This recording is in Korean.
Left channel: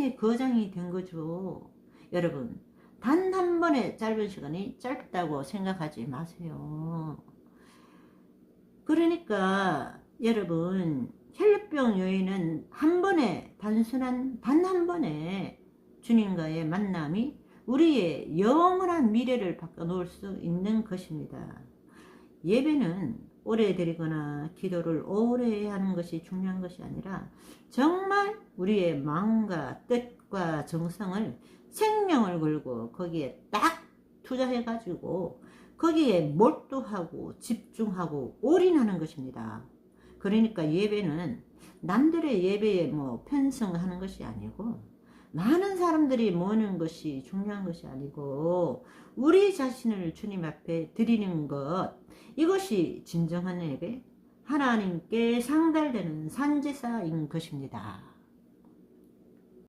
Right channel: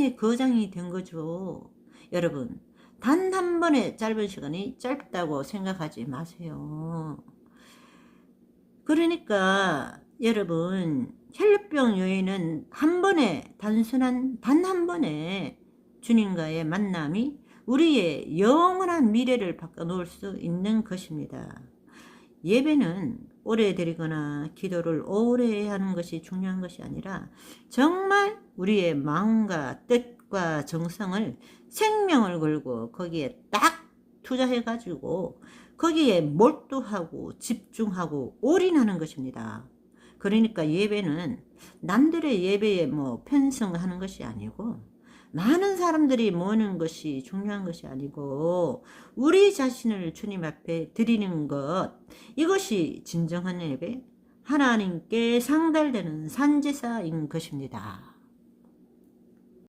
인생의 거장이 된 거죠. 여러분, 단 한 번의 짧은 시간이 짧다고 생각하지 마세요. 그러니까 여러분, 혈병 요인은 한 번에 단순한 단 한 번의 주님과의 만남이 우리의 영원한 미래를 바꿔놓을 수 있는 것입니다. 예배는 오래 드리거나 기도를 오래 하는 것이 중요한 것이 아니라 정말 우리의 마음과 뜻과 정성을 생명을 걸고 거기에 딱 투자해 가지고 거기에 몰두하고 집중하고 올인하는 것입니다. 그러니까 예배는 남들의 예배에 뭐 편성하는 것이 아니고 많은 사람들이 모이는 것이 중요한 것이 아니고 우리 자신을 주님 앞에 드리는 것 이것이 진정한 예배 하나님께 상달되는 산제사인 것입니다.